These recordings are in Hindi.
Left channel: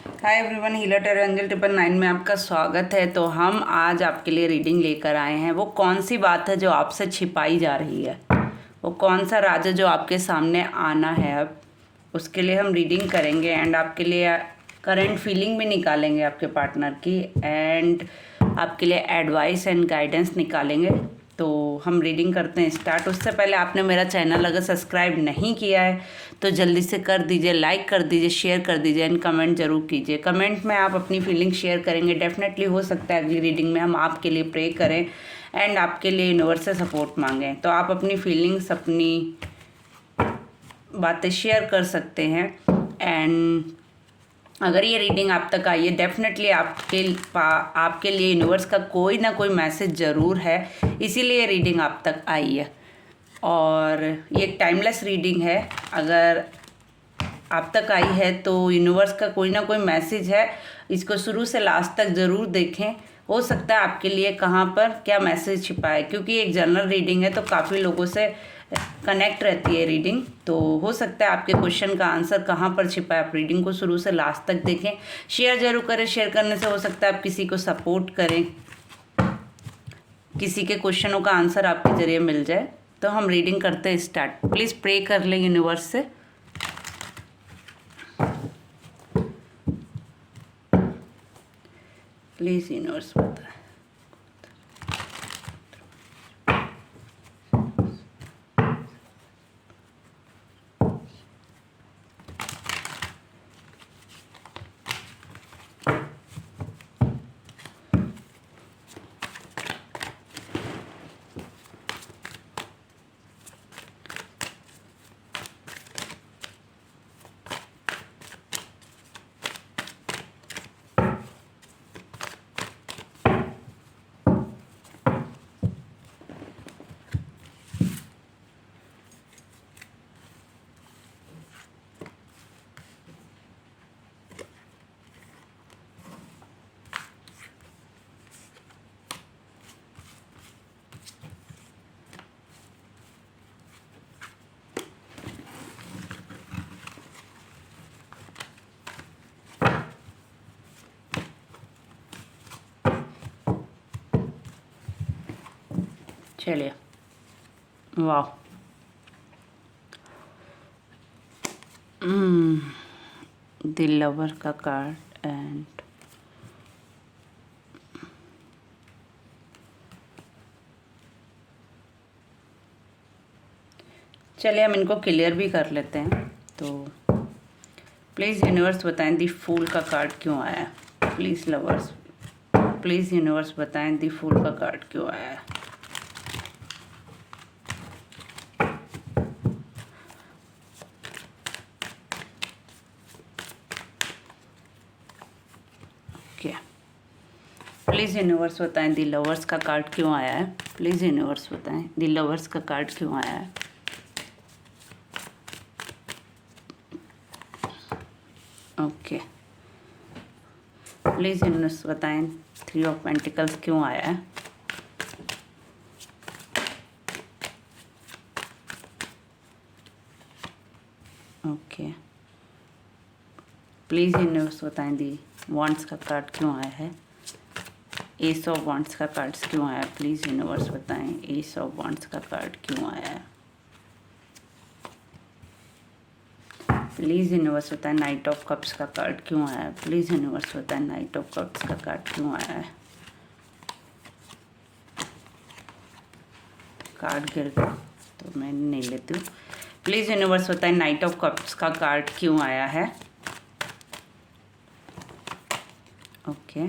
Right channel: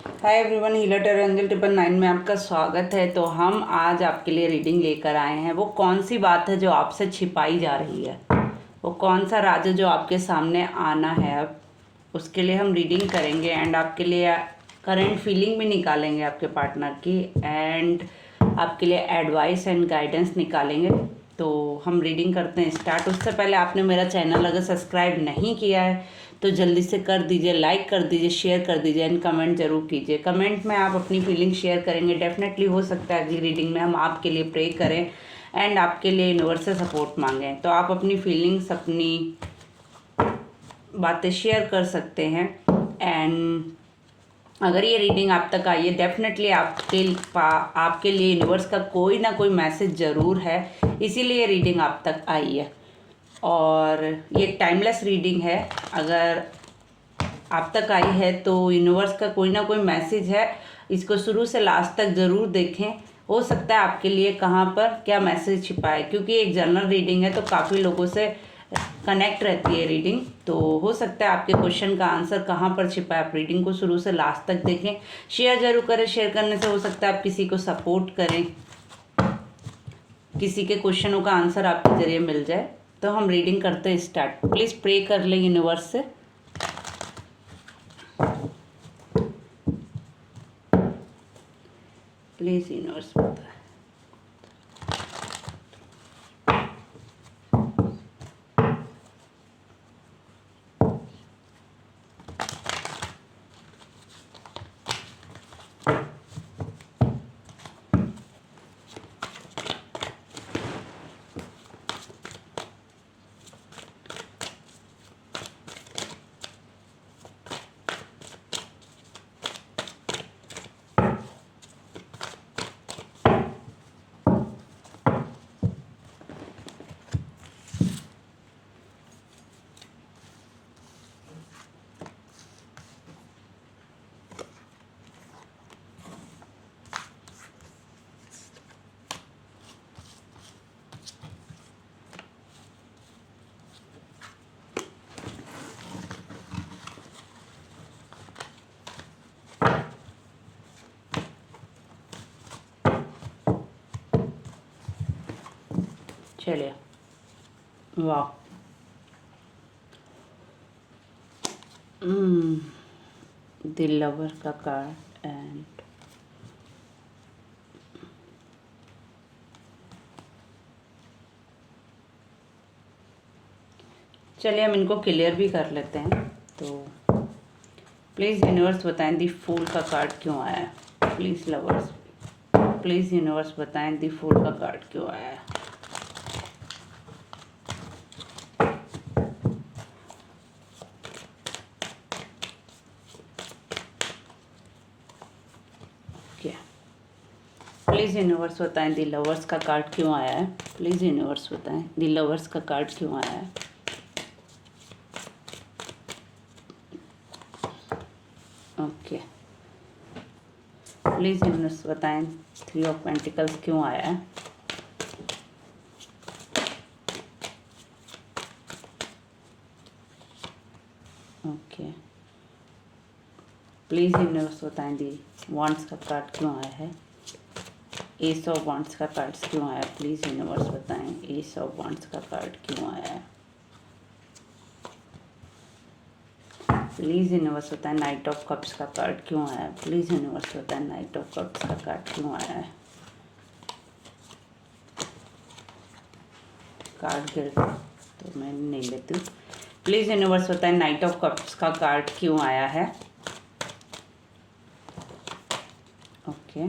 Hi everyone, healer terror angel 999 में आपका स्वागत है। तो हम आज आपके लिए रीडिंग लेकर आए हैं। वो कौन सी बात है जो आपसे छिपाई जा रही है, वो कौन सा राज है जो आपके सामने आना है। अब उसके लिए हम रीडिंग करेंगे एंड आपके लिए करंट फीलिंग भी निकालेंगे आपके पार्टनर की, एंड आपके लिए एडवाइस एंड गाइडेंस निकालेंगे। तो हम रीडिंग करते हैं स्टार्ट। उससे पहले आपने मेरा चैनल अगर सब्सक्राइब नहीं किया है तो जल्दी से कर दीजिए, लाइक कर दीजिए, शेयर कर दीजिए एंड कमेंट जरूर कीजिए। कमेंट में आप अपनी फीलिंग शेयर करेंगे, डेफिनेटली हो सकता है अगली रीडिंग में हम आपके लिए प्रे करें एंड आपके लिए यूनिवर्स से सपोर्ट मांगें। तो आप अपनी फीलिंग्स, अपनी बातें शेयर कर सकते हैं। एंड अगर ये रीडिंग आप तक आई है, डेफिनेटली आपके लिए यूनिवर्स का कोई ना कोई मैसेज ज़रूर है, इसीलिए रीडिंग आप तक आई है। और ये टाइमलेस रीडिंग है। अगर आप तक आई है तो यूनिवर्स का कोई ना कोई मैसेज है। इसको शुरू से लास्ट तक ज़रूर देखें। हो सकता है आपके लिए कहाँ पर क्या मैसेज छिपा है, क्योंकि एक जनरल रीडिंग है तो काफ़ी लोगों से कनेक्ट रहती है रीडिंग। तो हो सकता है आपके क्वेश्चन का आंसर कहाँ पर छिपा है। आप रीडिंग को शुरू से लास्ट तक देखें, शेयर जरूर करें। शेयर करने से हो सकता है आप किसी को सपोर्ट करें, किसी के क्वेश्चनों का आंसर आपके जरिए मिल जाए। तो हम रीडिंग करते हैं स्टार्ट। प्लीज़ प्रे कर लें यूनिवर्स से। प्लीज़ यूनिवर्स बताए। चलिए, वाह, दिल लवर का कार्ड एंड चलिए हम इनको क्लियर भी कर लेते हैं। तो प्लीज़ यूनिवर्स बताएं दी फूल का कार्ड क्यों आया है। प्लीज़ लवर्स, प्लीज़ यूनिवर्स बताएं दी फूल का कार्ड क्यों आया है। ओके, प्लीज़ यूनिवर्स बताएं दी लवर्स का कार्ड क्यों आया है। प्लीज़ यूनिवर्स बताएं दी लवर्स का कार्ड क्यों आया है। ओके, प्लीज़ यूनिवर्स बताएं 3 ऑफ पेंटिकल्स क्यों आया है। ओके, प्लीज़ यूनिवर्स बताएं दी वॉन्ड्स का कार्ड क्यों आया है। एस ऑफ वॉन्ड्स का कार्ड क्यों आया। प्लीज़ यूनिवर्स बताएं एस ऑफ वॉन्ड्स का कार्ड क्यों आया है। प्लीज़ यूनिवर्स बताएं नाइट ऑफ कप्स का कार्ड क्यों आया है। प्लीज़ यूनिवर्स बताएं नाइट ऑफ कप्स का कार्ड क्यों आया है। कार्ड गिर गया तो मैं नहीं लेती हूँ। प्लीज़ यूनिवर्स बताएं नाइट ऑफ कप्स का कार्ड क्यों आया है। ओके,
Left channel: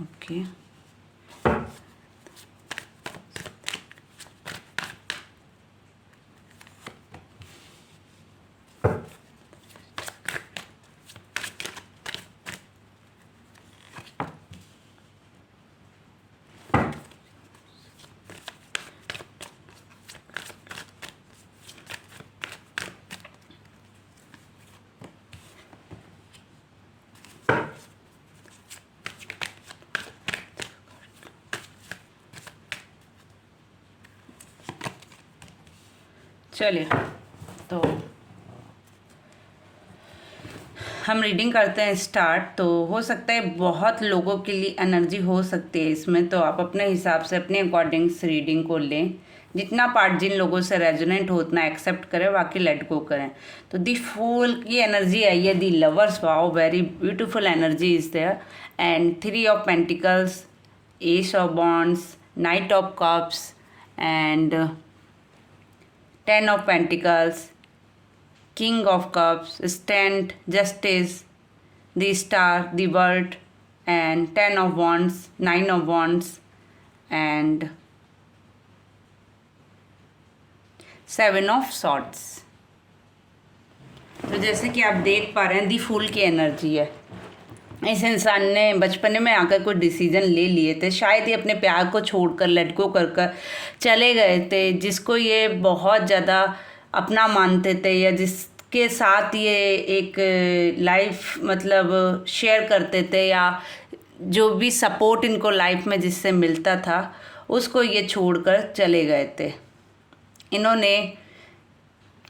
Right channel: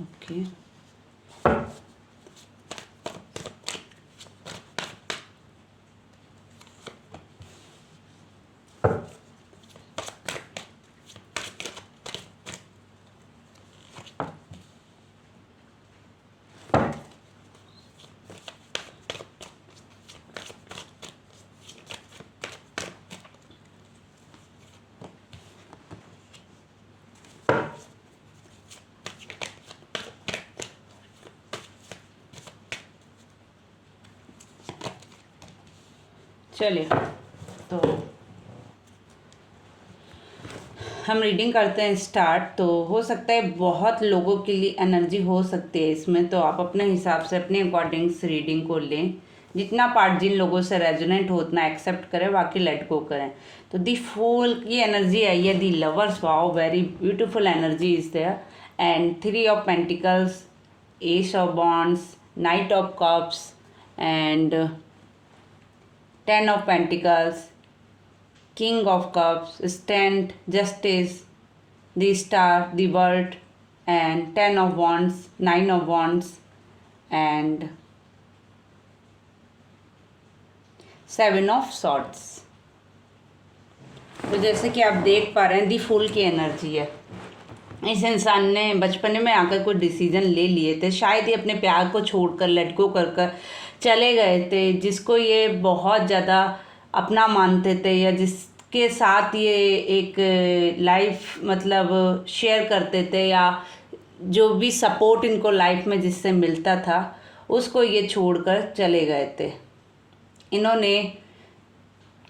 ओके, चलिए तो हम रीडिंग करते हैं स्टार्ट। तो हो सकता है बहुत लोगों के लिए एनर्जी हो सकती है इसमें, तो आप अपने हिसाब से अपने अकॉर्डिंग्स रीडिंग को लें। जितना पार्ट जिन लोगों से रेजोनेट हो उतना एक्सेप्ट करें, बाकी लेट गो करें। तो दी फूल की एनर्जी आई है, the lovers, wow very beautiful energy is there, and 3 of pentacles, ace of wands, knight of cups and 10 of pentacles, King of Cups, Stand, Justice, the Star, the World, and 10 of Wands, 9 of Wands, and 7 of Swords. तो जैसे कि आप देख पा रहे हैं, दी फूल की एनर्जी है। इस इंसान ने बचपन में आकर कोई डिसीजन ले लिए थे, शायद ये अपने प्यार को छोड़कर लेट गो कर कर चले गए थे, जिसको ये बहुत ज़्यादा अपना मानते थे या जिसके साथ ये एक लाइफ मतलब शेयर करते थे, या जो भी सपोर्ट इनको लाइफ में जिससे मिलता था उसको ये छोड़कर चले गए थे। इन्होंने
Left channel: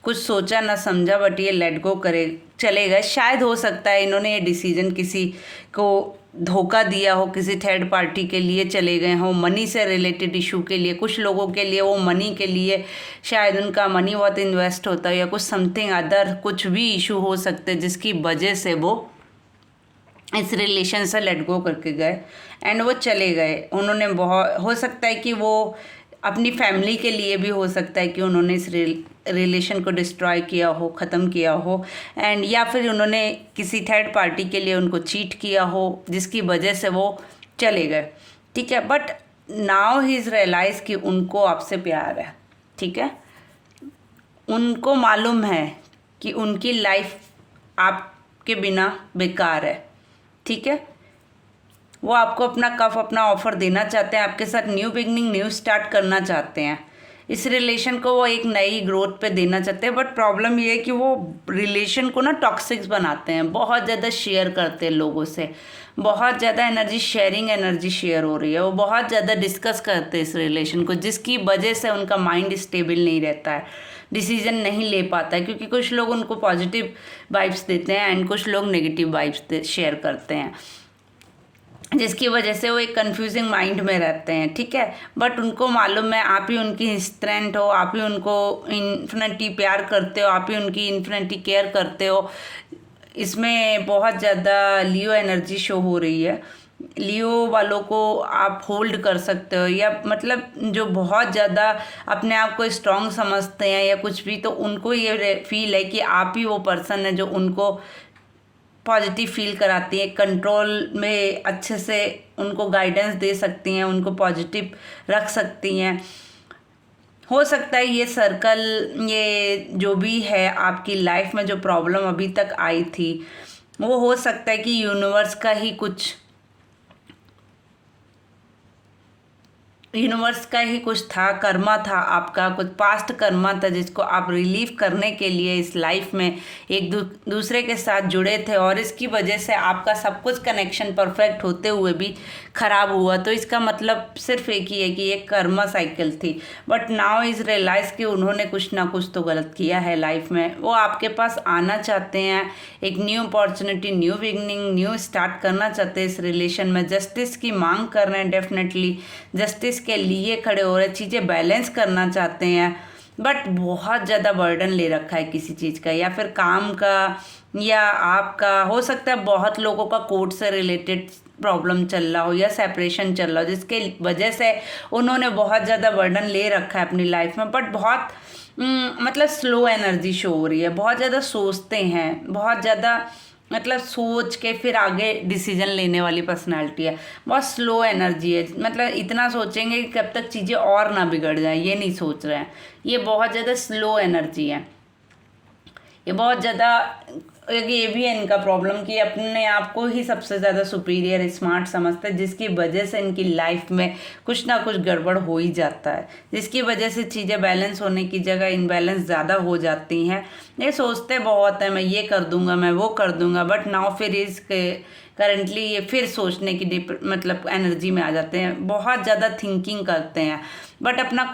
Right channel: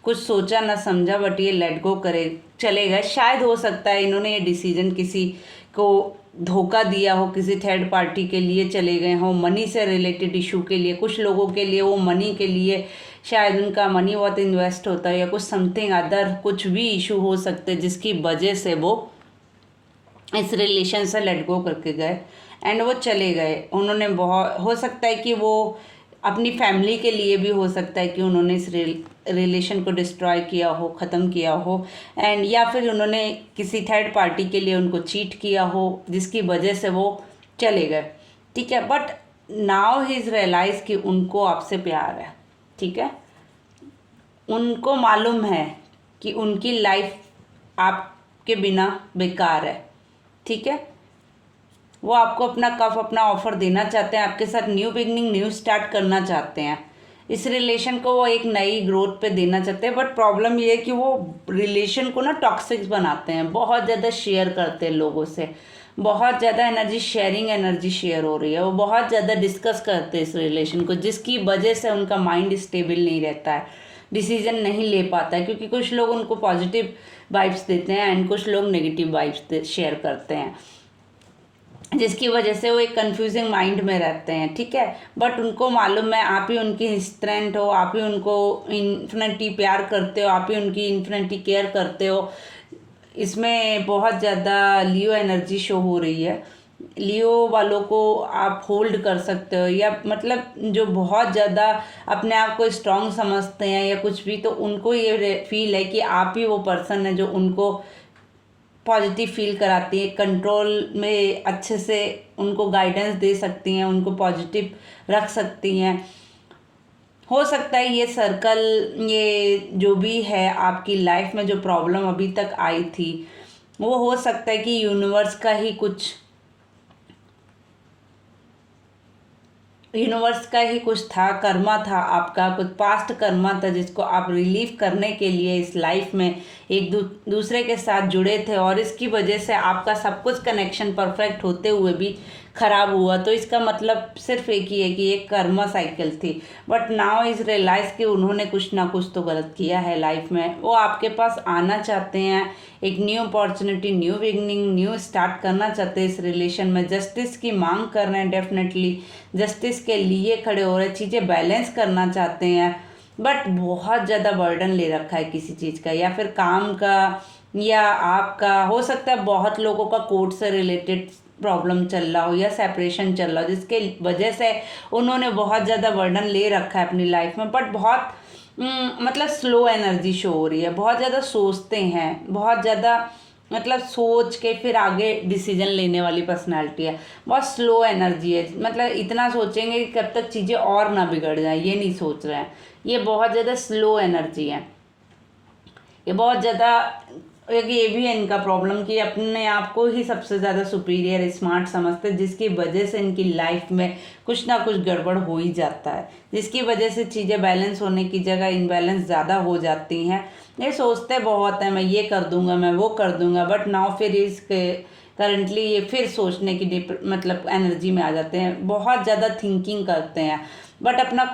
कुछ सोचा ना समझा, बट ये लेट गो करे चले गए। शायद हो सकता है इन्होंने ये डिसीजन किसी को धोखा दिया हो, किसी थर्ड पार्टी के लिए चले गए हों, मनी से रिलेटेड इशू के लिए। कुछ लोगों के लिए वो मनी के लिए शायद उनका मनी बहुत इन्वेस्ट होता है, या कुछ समथिंग अदर कुछ भी इशू हो सकते हैं जिसकी वजह से वो इस रिलेशन से लेट गो करके गए एंड वो चले गए। उन्होंने बहुत, हो सकता है कि वो अपनी फैमिली के लिए भी हो सकता है कि उन्होंने इस रिलेशन को डिस्ट्रॉय किया हो, ख़त्म किया हो, एंड या फिर उन्होंने किसी थर्ड पार्टी के लिए उनको चीट किया हो जिसकी वजह से वो चले गए। ठीक है, but now he is realize कि उनको आपसे प्यार है। ठीक है, उनको मालूम है कि उनकी लाइफ आपके बिना बेकार है। ठीक है, वो आपको अपना अपना ऑफर देना चाहते हैं, आपके साथ न्यू बिगनिंग, न्यू स्टार्ट करना चाहते हैं। इस रिलेशन को वो एक नई ग्रोथ पे देना चाहते हैं, बट प्रॉब्लम ये है कि वो रिलेशन को ना टॉक्सिक बनाते हैं, बहुत ज़्यादा शेयर करते हैं लोगों से, बहुत ज़्यादा एनर्जी शेयरिंग, एनर्जी शेयर हो रही है। वो बहुत ज़्यादा डिस्कस करते हैं इस रिलेशन को, जिसकी वजह से उनका माइंड स्टेबल नहीं रहता है, डिसीजन नहीं ले पाता है, क्योंकि कुछ लोग उनको पॉजिटिव वाइब्स देते हैं एंड कुछ लोग नेगेटिव वाइब्स शेयर करते हैं, जिसकी वजह से वो एक कंफ्यूजिंग माइंड में रहते हैं। ठीक है, बट उनको मालूम है आप ही उनकी स्ट्रेंथ हो, आप ही उनको इन्फिनिटी प्यार करते हो, आप ही उनकी इन्फिनिटी केयर करते हो। इसमें बहुत ज़्यादा लियो एनर्जी शो हो रही है। लियो वालों को आप होल्ड कर सकते हो, या मतलब जो बहुत ज़्यादा अपने आप को स्ट्रॉन्ग समझते हैं या कुछ भी, तो उनको ये फील है कि आप ही वो पर्सन है जो उनको पॉजिटिव फील कराती है, कंट्रोल में अच्छे से उनको गाइडेंस दे सकती हैं, उनको पॉजिटिव रख सकती हैं। हो सकता है ये सर्कल, ये जो भी है आपकी लाइफ में जो प्रॉब्लम अभी तक आई थी, वो हो सकता है कि यूनिवर्स का ही कुछ था, कर्मा था आपका, कुछ पास्ट कर्मा था जिसको आप रिलीव करने के लिए इस लाइफ में एक दूसरे के साथ जुड़े थे, और इसकी वजह से आपका सब कुछ कनेक्शन परफेक्ट होते हुए भी ख़राब हुआ। तो इसका मतलब सिर्फ एक ही है कि एक कर्मा साइकिल थी, बट नाउ इज रियलाइज़ कि उन्होंने कुछ ना कुछ तो गलत किया है लाइफ में। वो आपके पास आना चाहते हैं, एक new opportunity, new beginning, new start करना चाहते हैं इस रिलेशन में। जस्टिस की मांग कर रहे हैं, डेफिनेटली जस्टिस के लिए खड़े हो रहे हैं, चीज़ें बैलेंस करना चाहते हैं, बट बहुत ज़्यादा बर्डन ले रखा है किसी चीज़ का, या फिर काम का या आपका। हो सकता है बहुत लोगों का कोर्ट से रिलेटेड प्रॉब्लम चल रहा हो या सेपरेशन चल रहा हो, जिसके वजह से उन्होंने बहुत ज़्यादा बर्डन ले रखा है अपनी लाइफ में, बट बहुत मतलब स्लो एनर्जी शो हो रही है। बहुत ज़्यादा सोचते हैं, बहुत ज़्यादा मतलब सोच के फिर आगे डिसीजन लेने वाली पर्सनालिटी है। बहुत स्लो एनर्जी है, मतलब इतना सोचेंगे कि कब तक चीज़ें और ना बिगड़ जाए, ये नहीं सोच रहे हैं। ये बहुत ज़्यादा स्लो एनर्जी है। ये बहुत ज़्यादा, ये भी है इनका प्रॉब्लम कि अपने आप को ही सबसे ज़्यादा सुपीरियर, स्मार्ट समझते हैं, जिसकी वजह से इनकी लाइफ में कुछ ना कुछ गड़बड़ हो ही जाता है, जिसकी वजह से चीज़ें बैलेंस होने की जगह इनबैलेंस ज़्यादा हो जाती हैं। ये सोचते बहुत है मैं ये कर दूंगा, मैं वो कर दूंगा, बट नाउ फिर इस करंटली ये फिर सोचने की मतलब एनर्जी में आ जाते हैं, बहुत ज़्यादा थिंकिंग करते हैं, बट अपना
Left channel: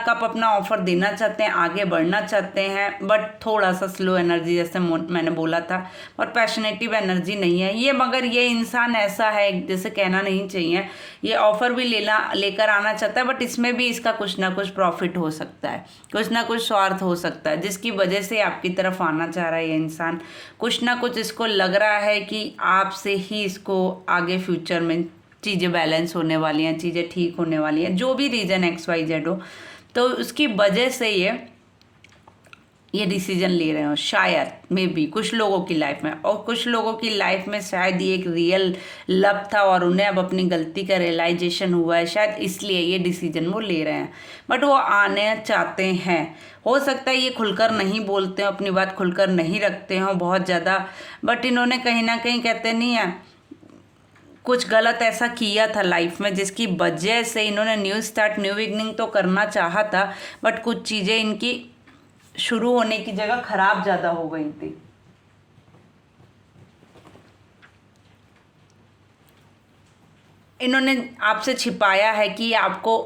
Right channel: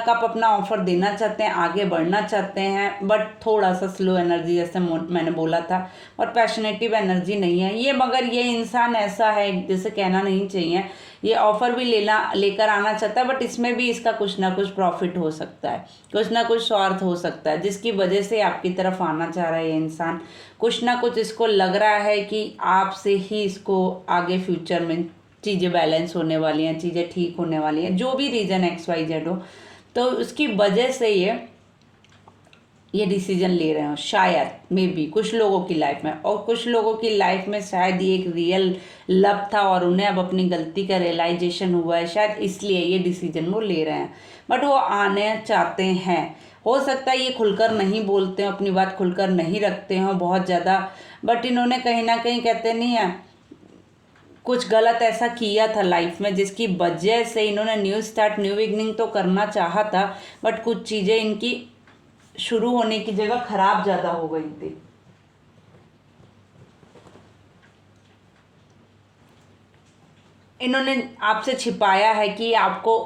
कप अपना ऑफर देना चाहते हैं, आगे बढ़ना चाहते हैं, बट थोड़ा सा स्लो एनर्जी, जैसे मैंने बोला था, और पैशनेटिव एनर्जी नहीं है ये। मगर ये इंसान ऐसा है, जैसे कहना नहीं चाहिए, ये ऑफर भी लेकर आना चाहता है, बट इसमें भी इसका कुछ ना कुछ प्रॉफिट हो सकता है, कुछ ना कुछ स्वार्थ हो सकता है, जिसकी वजह से आपकी तरफ आना चाह रहा है ये इंसान। कुछ ना कुछ इसको लग रहा है कि आपसे ही इसको आगे फ्यूचर में चीज़ें बैलेंस होने वाली हैं, चीज़ें ठीक होने वाली हैं, जो भी रीज़न XYZ हो, तो उसकी वजह से ये डिसीजन ले रहे हो शायद, मे बी कुछ लोगों की लाइफ में, और कुछ लोगों की लाइफ में शायद ये एक रियल लव था और उन्हें अब अपनी गलती का रियलाइजेशन हुआ है, शायद इसलिए ये डिसीजन वो ले रहे हैं, बट वो आने चाहते हैं। हो सकता है ये खुलकर नहीं बोलते हो, अपनी बात खुलकर नहीं रखते हो बहुत ज़्यादा, बट इन्होंने कहीं ना कहीं, कहते नहीं है, कुछ गलत ऐसा किया था लाइफ में जिसकी वजह से इन्होंने न्यू स्टार्ट, न्यू बिगनिंग तो करना चाहा था, बट कुछ चीज़ें इनकी शुरू होने की जगह खराब ज़्यादा हो गई थी। इन्होंने आपसे छिपाया है कि आपको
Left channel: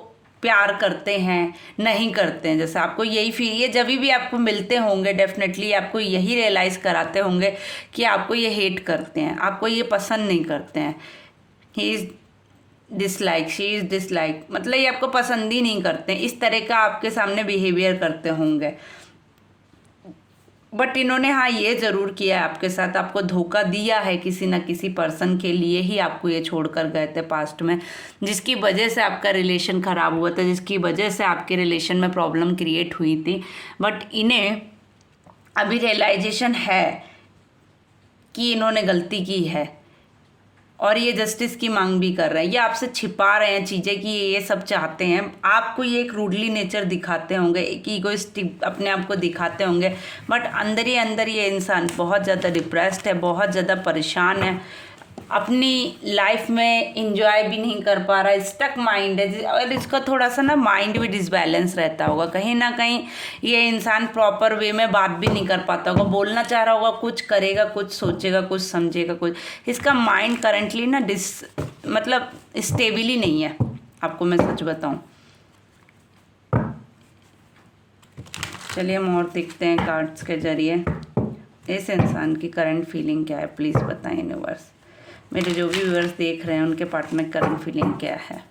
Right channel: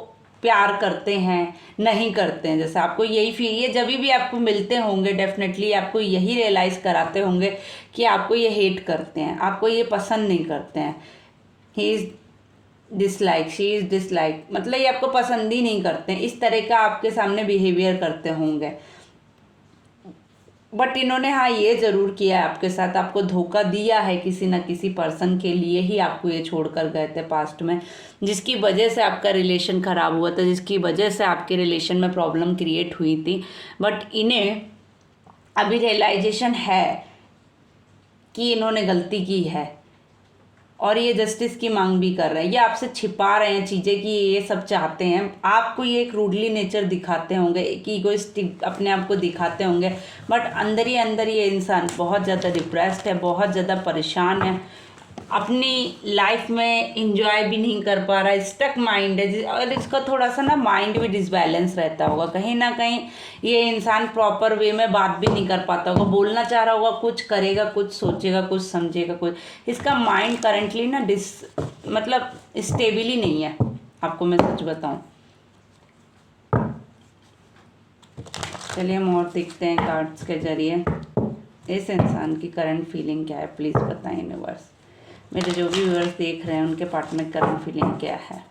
प्यार करते हैं, नहीं करते हैं, जैसे आपको यही फील, ये जब भी आपको मिलते होंगे डेफिनेटली आपको यही रियलाइज कराते होंगे कि आपको ये हेट करते हैं, आपको ये पसंद नहीं करते हैं। He is dislike, she is dislike, मतलब ये आपको पसंद ही नहीं करते हैं, इस तरह का आपके सामने बिहेवियर करते होंगे। बट इन्होंने हाँ ये ज़रूर किया है आपके साथ, आपको धोखा दिया है किसी न किसी पर्सन के लिए ही आपको ये छोड़कर गए थे पास्ट में, जिसकी वजह से आपका रिलेशन ख़राब हुआ था, जिसकी वजह से आपके रिलेशन में प्रॉब्लम क्रिएट हुई थी। बट इन्हें अभी रियलाइजेशन है कि इन्होंने गलती की है और ये जस्टिस की मांग भी कर रहे हैं। ये आपसे छिपा रहे हैं चीज़ें कि ये सब चाहते हैं, आपको ये एक रूडली नेचर दिखाते होंगे, एक ईगोइस्टिक अपने आप को दिखाते होंगे, बट अंदर ही अंदर ये इंसान बहुत ज़्यादा डिप्रेस्ड है, बहुत ज़्यादा परेशान है, अपनी लाइफ में इंजॉय भी नहीं कर पा रहा है, स्टक माइंड है, और इसका थोड़ा सा ना माइंड भी डिसबैलेंस रहता होगा, कहीं ना कहीं ये इंसान प्रॉपर वे में बात भी नहीं कर पाता होगा, बोलना चाह रहा होगा कुछ, करेगा कुछ, सोचेगा कुछ, समझेगा कुछ, इसका माइंड करेंटली ना मतलब स्टेबल ही नहीं है, आपको मैं सच बताऊं। चलिए हम और देखते हैं कार्ड्स के जरिए इस इंसान की करंट फीलिंग क्या है, प्लीज़ बताएं यूनिवर्स। मेरे जो भी व्यूअर्स देख रहे हैं उनके पार्ट में करंट फीलिंग क्या है।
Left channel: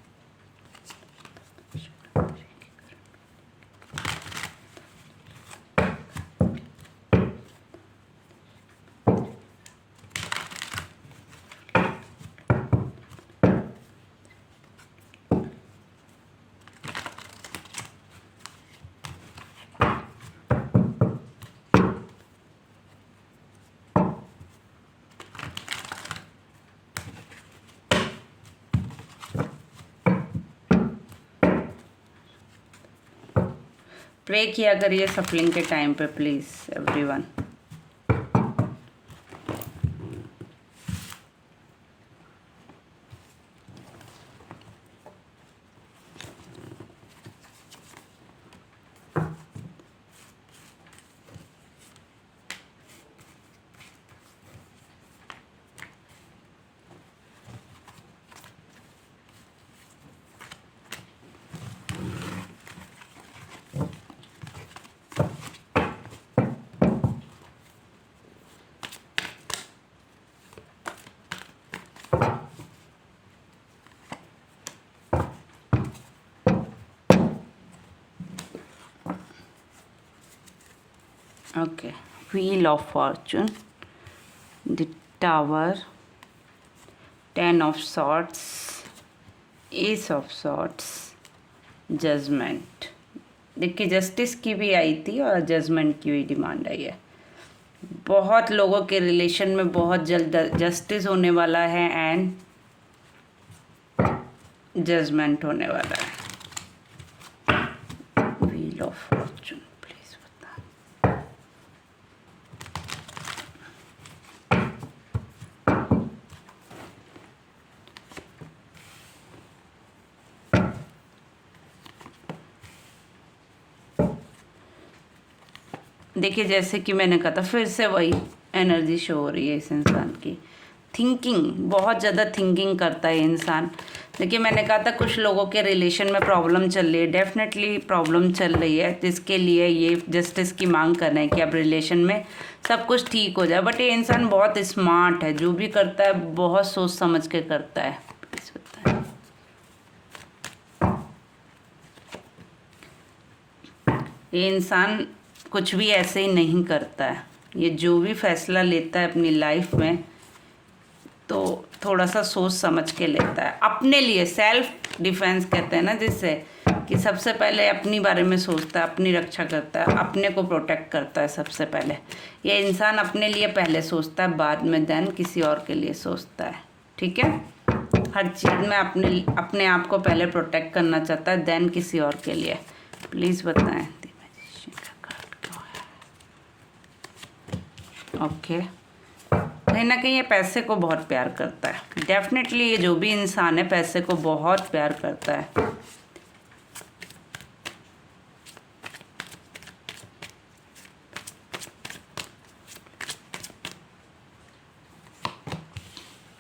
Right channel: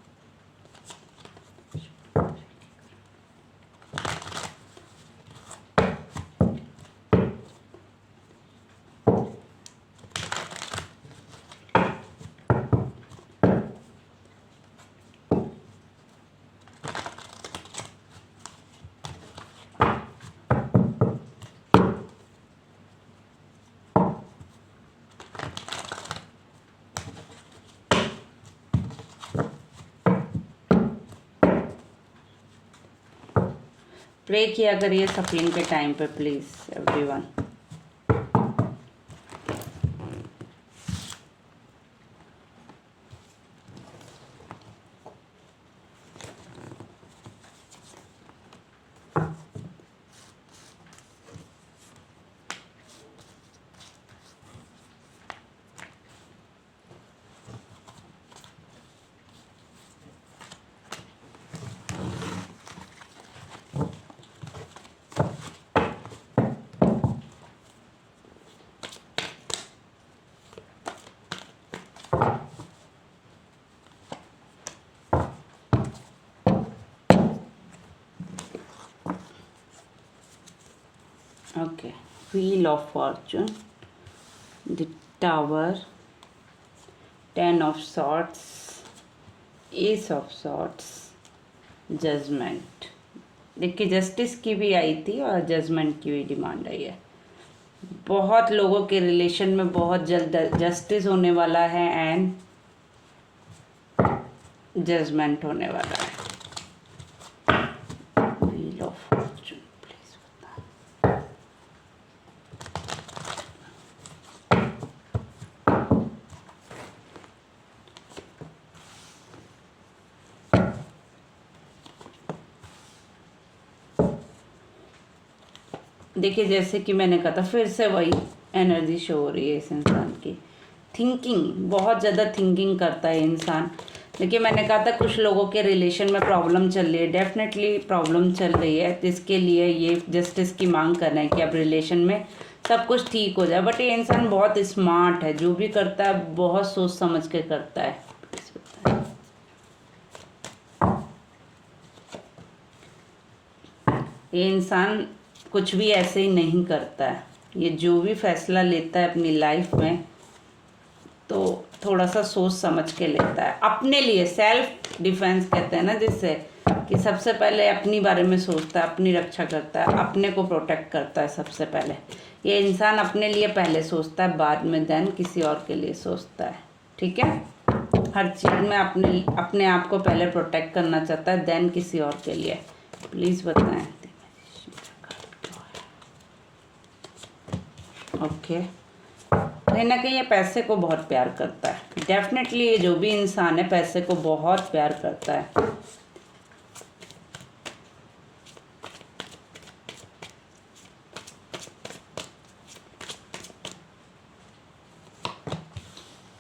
प्रे किया करिए सफलिंग के टाइम पे please everyone. Okay, Wheel of Fortune, the Tower, Ten of Swords, Ace of Swords, Judgment। देखिए जस्टिस की भी आई थी और जजमेंट की भी डिमांड आई है। बहुत लोगों के रिलेशन में बहुत जल्द जस्टिस होने वाला है एंड जजमेंट होने वाला है। व्हील ऑफ फॉर्चून प्लीज बता। देखिए जैसे कि मैंने कहा था, फिर से वही एनर्जी शो हो रही है इस इंसान की। थिंकिंग, बहुत ज़्यादा थिंकिंग करता है इंसान। देखिए मैंने कहा था कुछ लोगों के रिलेशन में प्रॉब्लम चल रही है, डेफिनेटली प्रॉब्लम चल रही है, जिसके लिए ये जस्टिस की मांग कर रहे हैं कि अब रिलेशन में सब कुछ ठीक हो जाए। बट ये इंसान बहुत स्मार्ट है, जो भी करता है बहुत सोच समझ के करता है। ये इंसान कुछ भी ऐसे ही नहीं करता है, ये जो भी फैसला लेता है अपनी लाइफ में तो थोड़ा सा सोच समझ के लेता है अपने लिए। सेल्फ डिफेंस कहते हैं ना, जिससे कि सबसे पहले अपनी बारे में सोचता है, अपनी रक्षा करता है, अपने को प्रोटेक्ट करता है सबसे पहले। ये इंसान अपने लिए पहले सोचता है, बाद में देन किसी और के लिए सोचता है। ठीक है, हर चीज़ में अपने आप को पहले प्रोटेक्ट करना चाहता है, देन किसी और के लिए। प्लीज़ बताएं। ओके, कहीं ना कहीं ये पैसे को बहुत प्यार करता है। डेफिनेटली ये जो भी इंसान है पैसे को बहुत प्यार करता है।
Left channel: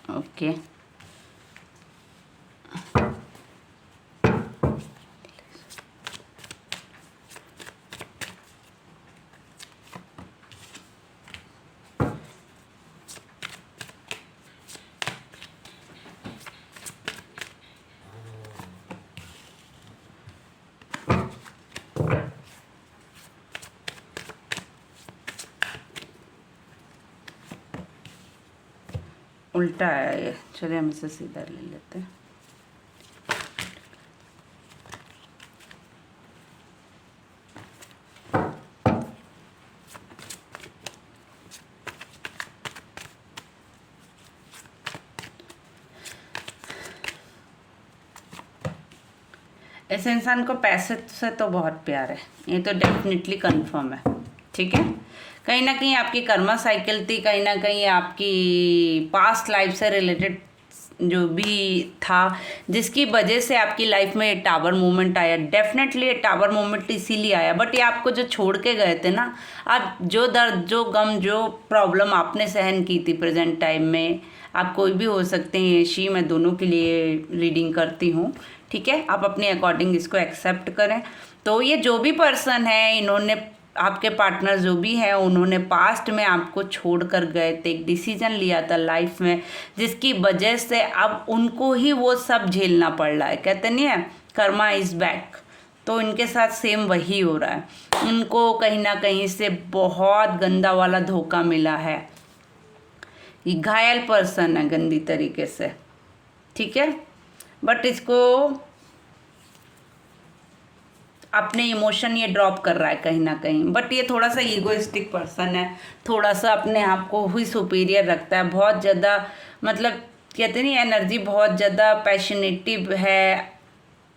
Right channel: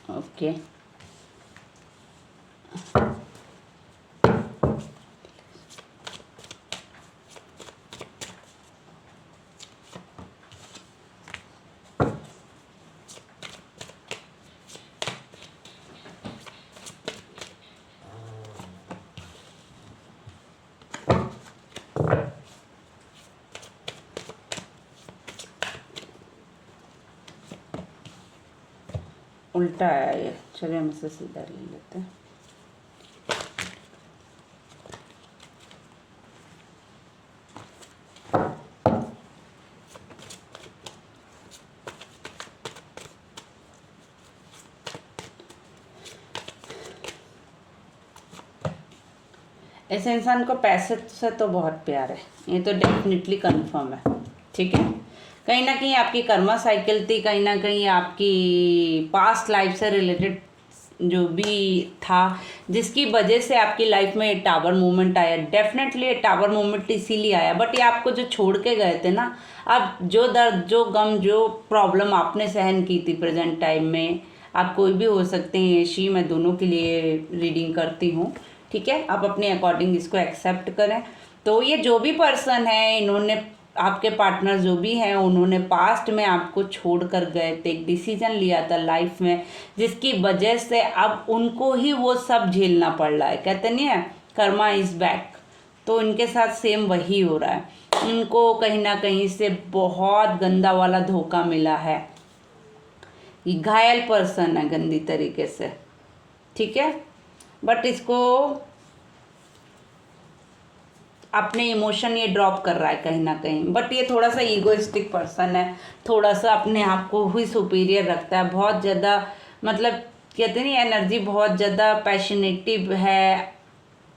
ओके, उल्टा है ये, चलिए हम इसे सीधा ले लेते हैं। ऐसे इंसान को पैसे से तो बहुत प्यार है, ये तो डेफिनेटली कंफर्म है। ठीक है, कहीं ना कहीं आपकी कर्मा साइकिल थी, कहीं ना कहीं आपकी पास्ट लाइफ से रिलेटेड जो भी था, जिसकी वजह से आपकी लाइफ में टावर मूवमेंट आया। डेफिनेटली टावर मूवमेंट इसीलिए आया, बट ये आपको जो छोड़ के गए थे ना, अब जो दर्द, जो गम, जो प्रॉब्लम आपने सहन की थी प्रेजेंट टाइम में, आप कोई भी हो सकते हैं शी, मैं दोनों के लिए रीडिंग करती हूँ। ठीक है, आप अपने अकॉर्डिंग इसको एक्सेप्ट करें। तो ये जो भी पर्सन है, इन्होंने आपके पार्टनर जो भी हैं, उन्होंने पास्ट में आपको छोड़ कर गए थे, एक डिसीजन लिया था लाइफ में, जिसकी वजह से अब उनको ही वो सब झेलना पड़ रहा है। कहते नहीं है कर्मा इज बैक, तो इनके साथ सेम वही हो रहा है। उनको कहीं ना कहीं से बहुत गंदा वाला धोखा मिला है, ये घायल पर्सन है गंदी तरीके से। ठीक है, बट इसको अपने इमोशन ये ड्रॉप कर रहा है कहीं ना कहीं। बट ये थोड़ा सा ईगोइस्टिक पर्सन है, थोड़ा सा अपने आप को ही सुपीरियर रखता है, बहुत ज़्यादा, मतलब कहते नहीं, एनर्जी बहुत ज़्यादा पैशनेटिव है,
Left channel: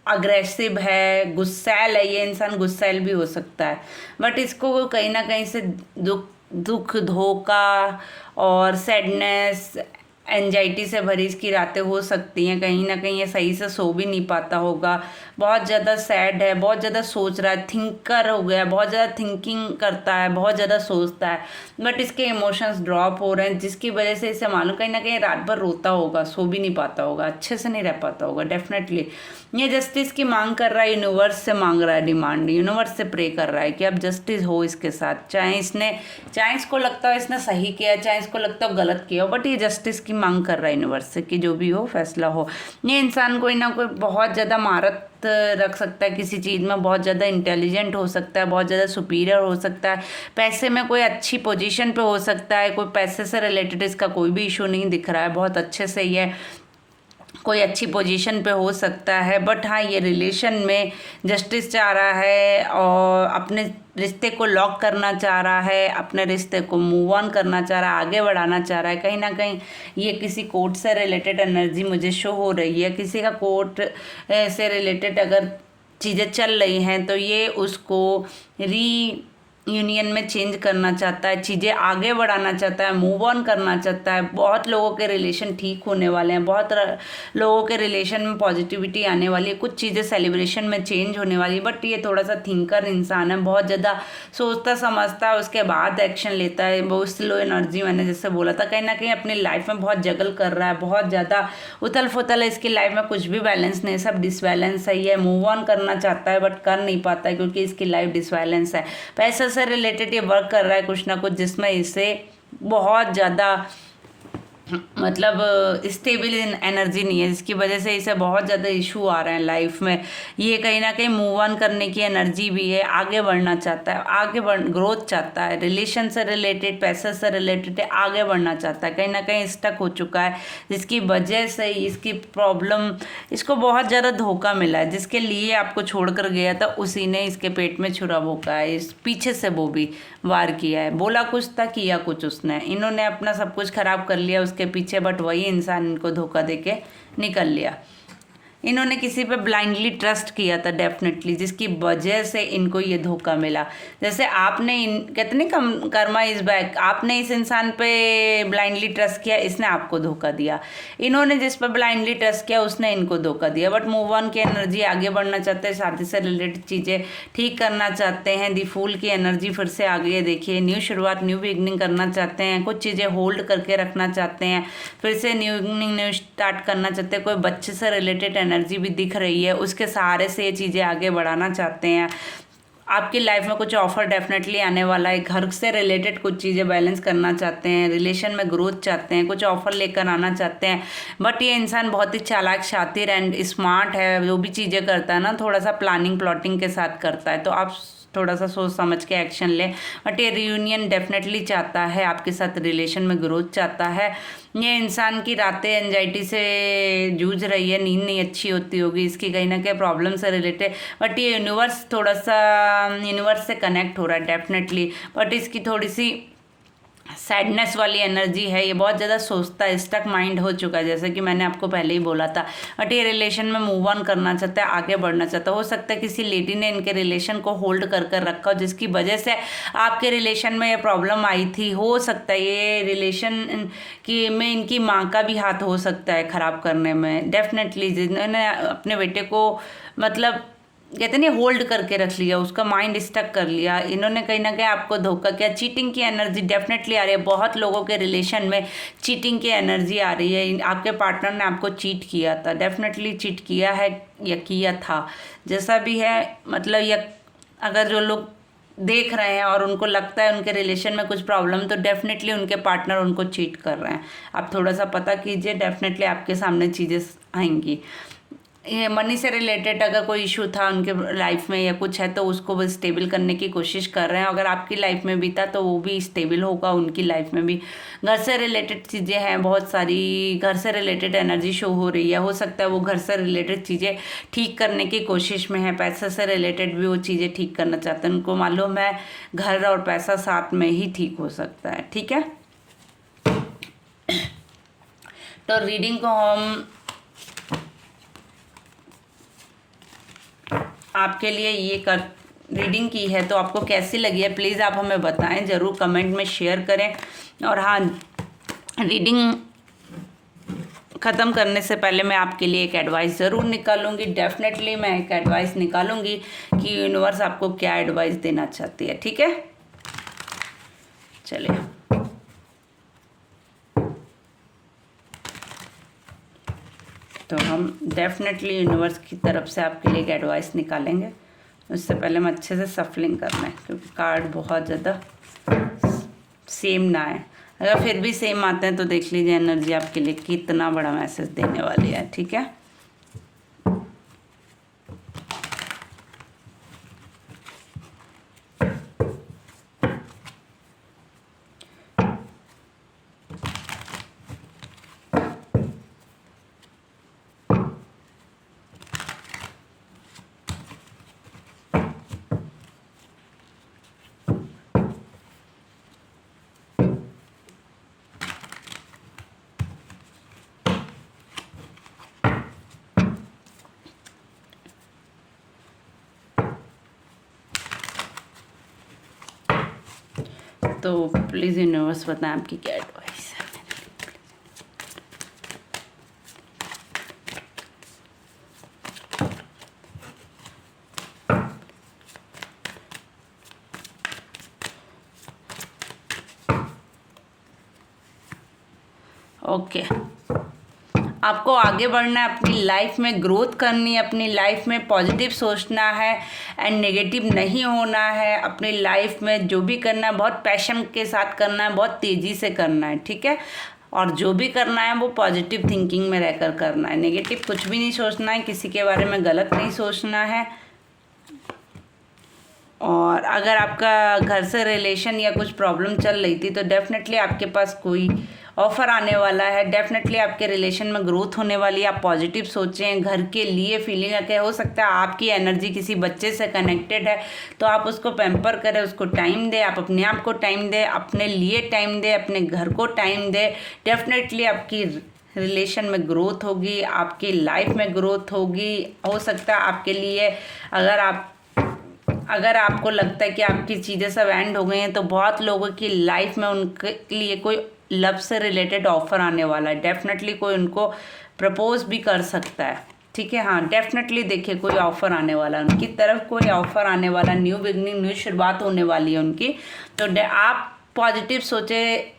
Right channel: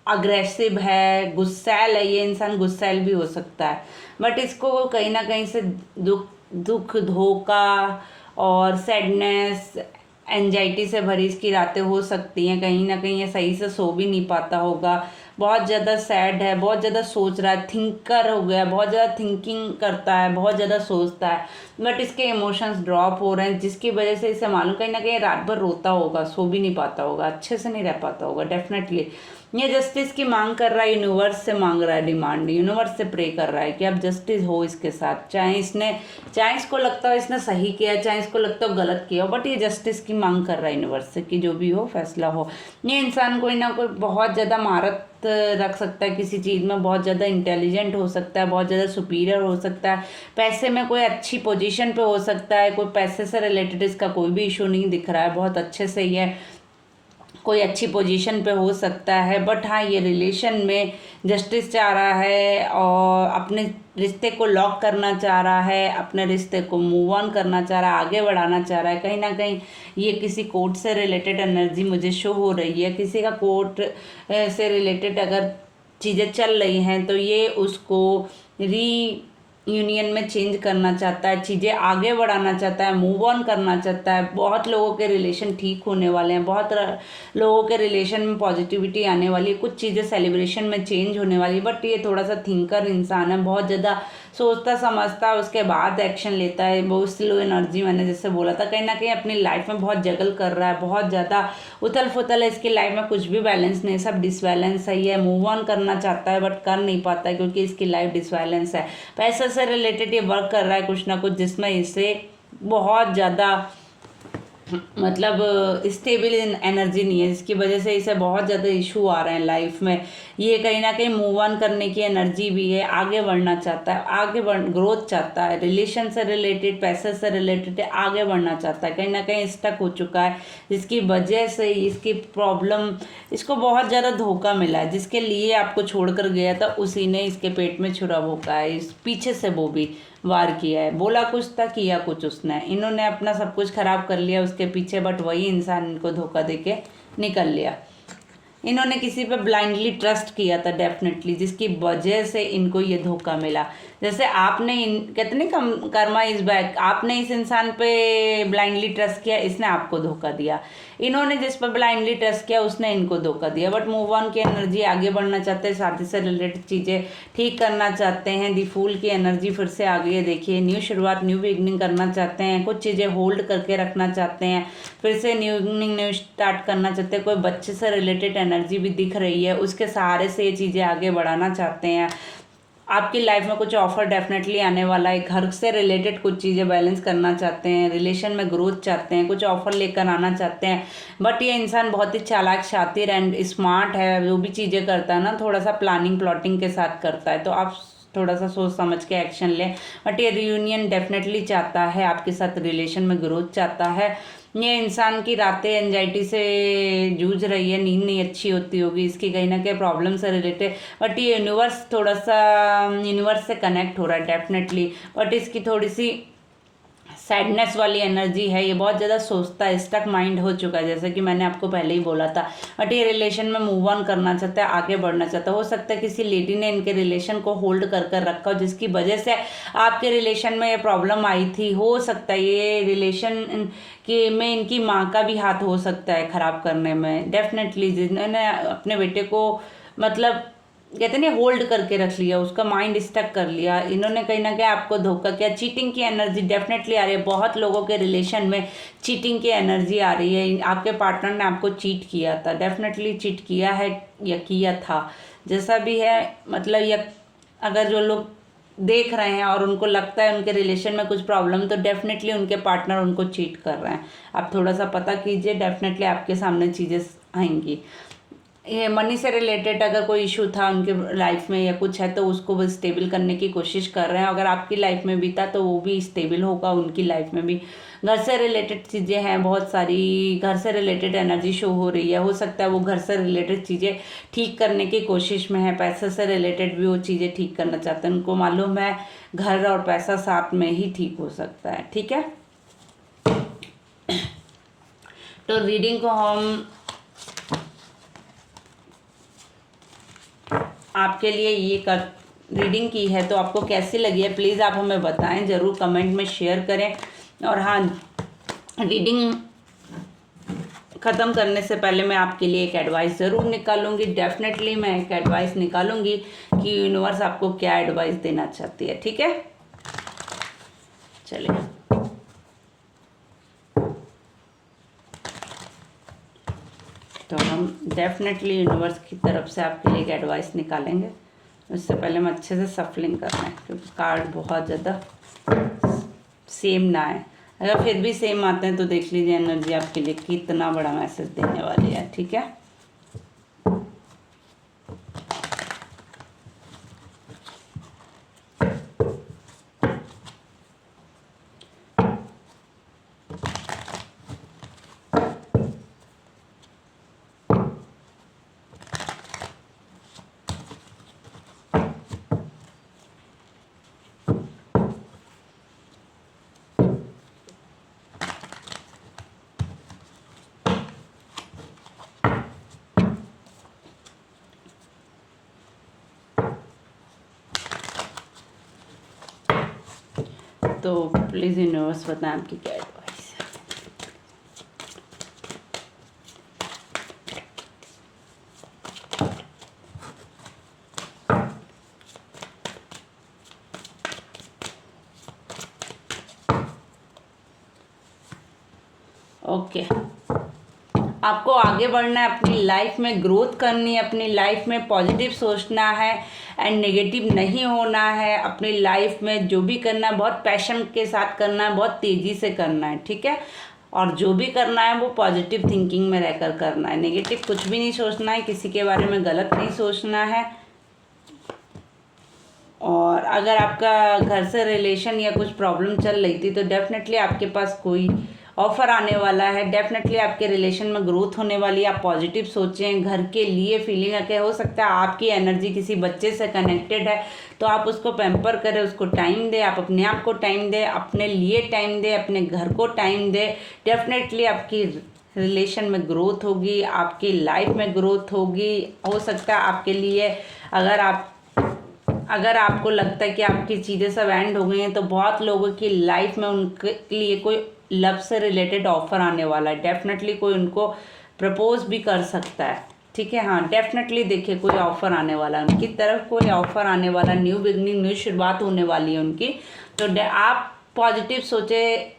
अग्रेसिव है, गुस्सैल है। ये इंसान गुस्सैल भी हो सकता है, बट इसको कहीं ना कहीं से दुख, धोखा और सैडनेस, एंजाइटी से भरी इसकी रातें हो सकती हैं। कहीं ना कहीं ये सही से सो भी नहीं पाता होगा, बहुत ज़्यादा सैड है, बहुत ज़्यादा सोच रहा है, थिंकर हो गया, बहुत ज़्यादा थिंकिंग करता है, बहुत ज़्यादा सोचता है। बट इसके इमोशंस ड्रॉप हो रहे हैं, जिसकी वजह से इसे मालूम कहीं ना कहीं रात भर रोता होगा, सो भी नहीं पाता होगा, अच्छे से नहीं रह पाता होगा। डेफिनेटली ये जस्टिस की मांग कर रहा है, यूनिवर्स से मांग रहा है, डिमांड यूनिवर्स से प्रे कर रहा है कि अब जस्टिस हो इसके साथ। चाहे इसको लगता हो इसने सही किया, चाहे इसको लगता हो गलत किया हो, बट ये जस्टिस की मांग कर रहा है यूनिवर्स से कि जो भी हो फैसला हो। ये इंसान कोई ना कोई बहुत ज़्यादा महारत रख सकता है किसी चीज़ में, बहुत ज़्यादा इंटेलिजेंट हो सकता है, बहुत ज़्यादा सुपीरियर हो सकता है, पैसे में कोई अच्छी पोजीशन पे हो सकता है, कोई पैसे से रिलेटेड इसका कोई भी इशू नहीं दिख रहा है, बहुत अच्छे से ये कोई अच्छी पोजीशन पे हो सकता है। बट हाँ, ये रिलेशन में जस्टिस चाह रहा है और अपने रिश्ते को लॉक करना चाह रहा है, अपने रिश्ते को मूव ऑन करना चाह रहा है, आगे बढ़ाना चाह रहा है। कहीं ना कहीं ये किसी कोर्ट से रिलेटेड एनर्जी मुझे शो हो रही है, किसी का कोर्ट से रिलेटेड अगर चीज़ें चल रही हैं तो ये उसको यूनियन में चेंज करना चाहता है, चीज़ें आगे बढ़ाना चाहता है, मूव ऑन करना चाहता है। बहुत लोगों के रिलेशन ठीक होने वाले हैं, बहुत लोगों के रिलेशन में पॉजिटिविटी आने वाली है, कुछ चीज़ें सेलिब्रेशन में चेंज होने वाली है। बट ये थोड़ा सा थिंकर इंसान है, बहुत ज़्यादा सोचता समझता है, उसके बाद एक्शन लेता है। बहुत स्लो एनर्जी, मैंने जैसे बोला था, कहीं ना कहीं अपनी लाइफ में बहुत जगल कर रहा है, बहुत ज़्यादा उथल फुथल है इसकी लाइफ में, कुछ भी बैलेंस नहीं, सब डिसबैलेंस है। ये मूव ऑन करना चाहता है बट कर नहीं पाता है क्योंकि इसकी लाइफ डिसबैलेंस है। पैसे से रिलेटेड ये वर्क कर रहा है कुछ ना कुछ, जिसमें इसे बहुत ज़्यादा मतलब स्टेबल एनर्जी नहीं है, जिसकी वजह से इसे बहुत ज़्यादा इशू आ रहे हैं लाइफ में। ये कहीं ना कहीं मूव ऑन करने की एनर्जी भी है, आगे बढ़ना चाहता है, आगे बढ़ ग्रोथ चाहता है, रिलेशन से रिलेटेड, पैसे से रिलेटेड आगे बढ़ना चाहता है, कहीं ना कहीं स्टक हो चुका है, जिसकी वजह से इसकी प्रॉब्लम, इसको बहुत ज़्यादा धोखा मिला है। जिसके लिए आपको छोड़कर गया था उसी ने इसके पेट में छुरा भोंका है, इस पीछे से वो भी वार किया है। बोला कुछ था, किया कुछ उसने, इन्होंने अपना सब कुछ खराब कर लिया उसके पीछे, बट वही इंसान इनको धोखा देके निकल लिया। इन्होंने किसी पे ब्लाइंडली ट्रस्ट किया था डेफिनेटली, जिसकी वजह से इनको ये धोखा मिला। जैसे आपने कितनी कम कर्मा इस बैक, आपने इस इंसान पे ब्लाइंडली ट्रस्ट किया, इसने आपको धोखा दिया। इन्होंने जिस पर ब्लाइंडली ट्रस्ट किया उसने इनको धोखा दिया। बट मूव ऑन की एनर्जी, आगे बढ़ना चाहते हैं, शादी से रिलेटेड चीज़ें ठीक करना चाहते हैं। दी फूल की एनर्जी फिर से आ गई है, देखिए न्यू शुरुआत, न्यू बिगनिंग करना चाहते हैं, कुछ चीज़ें होल्ड करके रखना चाहते हैं, फिर से न्यू बिगनिंग, न्यू स्टार्ट करना चाहते हैं। कोई बच्चे से रिलेटेड एनर्जी भी दिख रही है, उसके सहारे से ये चीज़ें आगे बढ़ाना चाहते हैं। आपकी लाइफ में कुछ ऑफर डेफिनेटली आने वाला है, घर से रिलेटेड कुछ चीज़ें बैलेंस करना चाहते हैं, रिलेशन में ग्रोथ चाहते हैं, कुछ ऑफर लेकर आना चाहते हैं। बट ये इंसान बहुत ही चालाक, शातिर एंड स्मार्ट है, जो भी चीज़ें करता है ना थोड़ा सा प्लानिंग प्लॉटिंग के साथ करता है, तो आप थोड़ा सा सोच समझ के एक्शन लें। बट ये रियूनियन डेफिनेटली चाहता है, आपके साथ रिलेशन में ग्रोथ चाहता है। ये इंसान की रातें एंजाइटी से जूझ रही है, नींद नहीं अच्छी होती होगी इसकी, कहीं ना कहीं प्रॉब्लम से रिलेटेड। बट ये यूनिवर्स थोड़ा सा यूनिवर्स से कनेक्ट हो रहा है डेफिनेटली, बट इसकी थोड़ी सी सैडनेस वाली एनर्जी है। ये बहुत ज़्यादा सोचता है, स्टक माइंड हो चुका है, जैसे कि मैंने आपको पहले ही बोला था। बट ये रिलेशन में मूव ऑन करना चाहता है, आगे बढ़ना चाहता है। हो सकता है किसी लेडी ने इनके रिलेशन को होल्ड कर कर रखा हो, जिसकी वजह से आपके रिलेशन में ये प्रॉब्लम आई थी। हो सकता है ये रिलेशन की में इनकी माँ का भी हाथ हो सकता है खराब करने में डेफिनेटली, जिन्होंने अपने बेटे को मतलब कहते नहीं होल्ड करके रख लिया, उसका माइंड स्टक कर लिया। इन्होंने कहीं ना कहीं आपको धोखा किया। चीटिंग की एनर्जी डेफिनेटली आ रही है, बहुत लोगों के रिलेशन में चीटिंग की एनर्जी आ रही है। आपके पार्टनर ने आपको चीट किया था, डेफिनेटली चीट किया है या किया था, जैसा भी है। मतलब या अगर जो लोग देख रहे हैं और उनको लगता है उनके रिलेशन में कुछ प्रॉब्लम, तो डेफिनेटली उनके पार्टनर उनको चीट कर रहे हैं। आप थोड़ा सा पता कीजिए, डेफिनेटली आपके सामने चीज़ें आएंगी। ये मनी से रिलेटेड अगर कोई इशू था उनके लाइफ में या कुछ है, तो उसको वो स्टेबल करने की कोशिश कर रहे हैं। अगर आपकी लाइफ में भी था तो वो भी स्टेबल होगा उनकी लाइफ में भी। घर से रिलेटेड चीज़ें हैं बहुत सारी, घर से रिलेटेड एनर्जी शो हो रही है। हो सकता है वो घर से रिलेटेड चीज़ें ठीक करने की कोशिश में है, पैसे से रिलेटेड भी वो चीज़ें ठीक करना चाहते हैं। उनको मालूम है घर और पैसा साथ में ही ठीक हो सकता है, ठीक है। तो रीडिंग को हम आपके लिए ये कर रीडिंग की है, तो आपको कैसी लगी है प्लीज़ आप हमें बताएं, ज़रूर कमेंट में शेयर करें। और हाँ, रीडिंग ख़त्म करने से पहले मैं आपके लिए एक एडवाइस ज़रूर निकालूंगी। डेफिनेटली मैं एक एडवाइस निकालूंगी कि यूनिवर्स आपको क्या एडवाइस देना चाहती है, ठीक है। चलिए, तो हम डेफिनेटली यूनिवर्स की तरफ से आपके लिए एक एडवाइस निकालेंगे। उससे पहले हम अच्छे से सफलिंग करना है, क्योंकि कार्ड बहुत ज़्यादा सेम ना है। अगर फिर भी सेम आते हैं तो देख लीजिए एनर्जी आपके लिए कितना बड़ा मैसेज देने वाली है, ठीक है। तो प्लीज़ यूनिवर्स बताएं आपकी क्या एडवाइस है। ओके, आपको आगे बढ़ना है, अपनी लाइफ में ग्रोथ करनी है, अपनी लाइफ में पॉजिटिव सोचना है एंड नेगेटिव नहीं होना है। अपनी लाइफ में जो भी करना है बहुत पैशन के साथ करना है, बहुत तेज़ी से करना है, ठीक है। और जो भी करना है वो पॉजिटिव थिंकिंग में रहकर करना है, नेगेटिव कुछ भी नहीं सोचना है, किसी के बारे में गलत नहीं सोचना है। और अगर आपका घर से रिलेशन या कुछ प्रॉब्लम चल रही थी तो डेफिनेटली आपके पास कोई ऑफर आने वाला है, डेफिनेटली आपके रिलेशन में ग्रोथ होने वाली है। आप पॉजिटिव सोचें, घर के लिए फीलिंग है कि हो सकता है आपकी एनर्जी किसी बच्चे से कनेक्टेड है तो आप उसको पैम्पर करें, उसको टाइम दें, आप अपने आप को टाइम दें, अपने लिए टाइम दें, अपने घर को टाइम दें। डेफिनेटली आपकी रिलेशन में ग्रोथ होगी, आपकी लाइफ में ग्रोथ होगी। हो सकता है आपके लिए अगर आपको लगता है कि आपकी चीज़ें सब एंड हो गई हैं तो बहुत लोगों की लाइफ में उनके लिए कोई लव से रिलेटेड ऑफर आने वाला है। डेफिनेटली कोई उनको प्रपोज भी कर सकता है, ठीक है। हाँ, डेफिनेटली देखिए कोई ऑफर आने वाला है, उनकी तरफ कोई ऑफर आने वाला, न्यू बिगनिंग, न्यू शुरुआत होने वाली है उनकी। तो आप पॉजिटिव सोचें,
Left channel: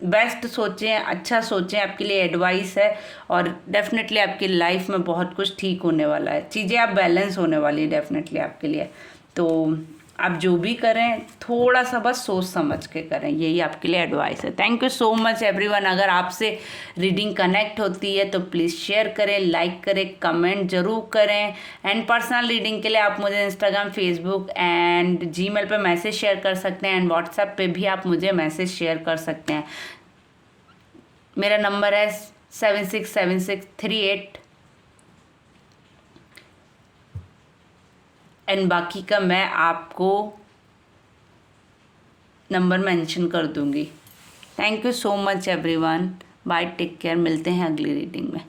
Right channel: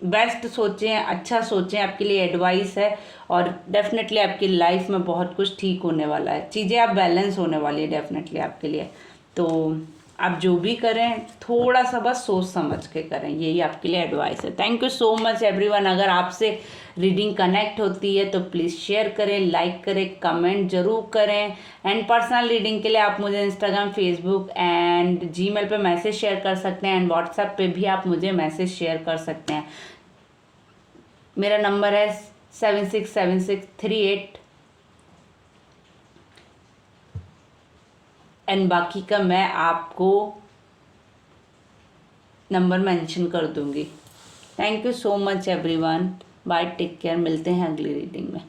बेस्ट सोचें, अच्छा सोचें, आपके लिए एडवाइस है। और डेफिनेटली आपकी लाइफ में बहुत कुछ ठीक होने वाला है, चीज़ें आप बैलेंस होने वाली है डेफिनेटली आपके लिए। तो आप जो भी करें थोड़ा सा बस सोच समझ के करें, यही आपके लिए एडवाइस है। Thank you so much everyone. अगर आपसे रीडिंग कनेक्ट होती है तो प्लीज़ शेयर करें, लाइक करें, कमेंट जरूर करें। एंड पर्सनल रीडिंग के लिए आप मुझे इंस्टाग्राम, फेसबुक एंड जीमेल पे मैसेज शेयर कर सकते हैं एंड व्हाट्सएप पे भी आप मुझे मैसेज शेयर कर सकते हैं। मेरा नंबर है 767638 एंड बाकी का मैं आपको नंबर मेंशन कर दूंगी। Thank you so much everyone, bye, take care, मिलते हैं अगली रीडिंग में।